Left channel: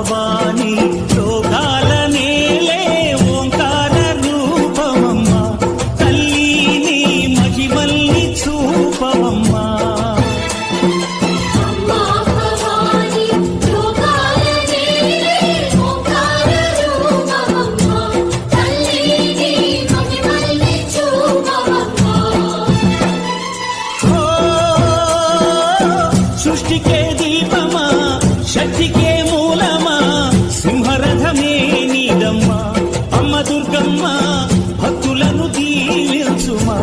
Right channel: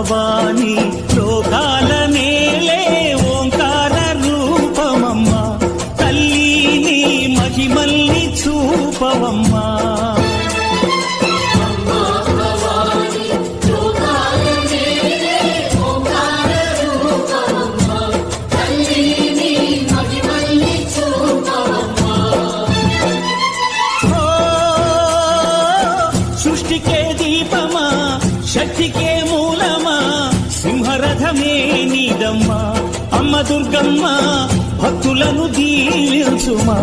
భవాని లోకాల నేలే ఓంకార రూపమమ్మా తల్లి నీ మహిమల్ని చూపవమ్మా సృష్టికే దీపమా శక్తికే మూలమా సింహరథమే నీదమ్మా అమ్మ దుర్గమ్మ భక్తులను దీవించుమా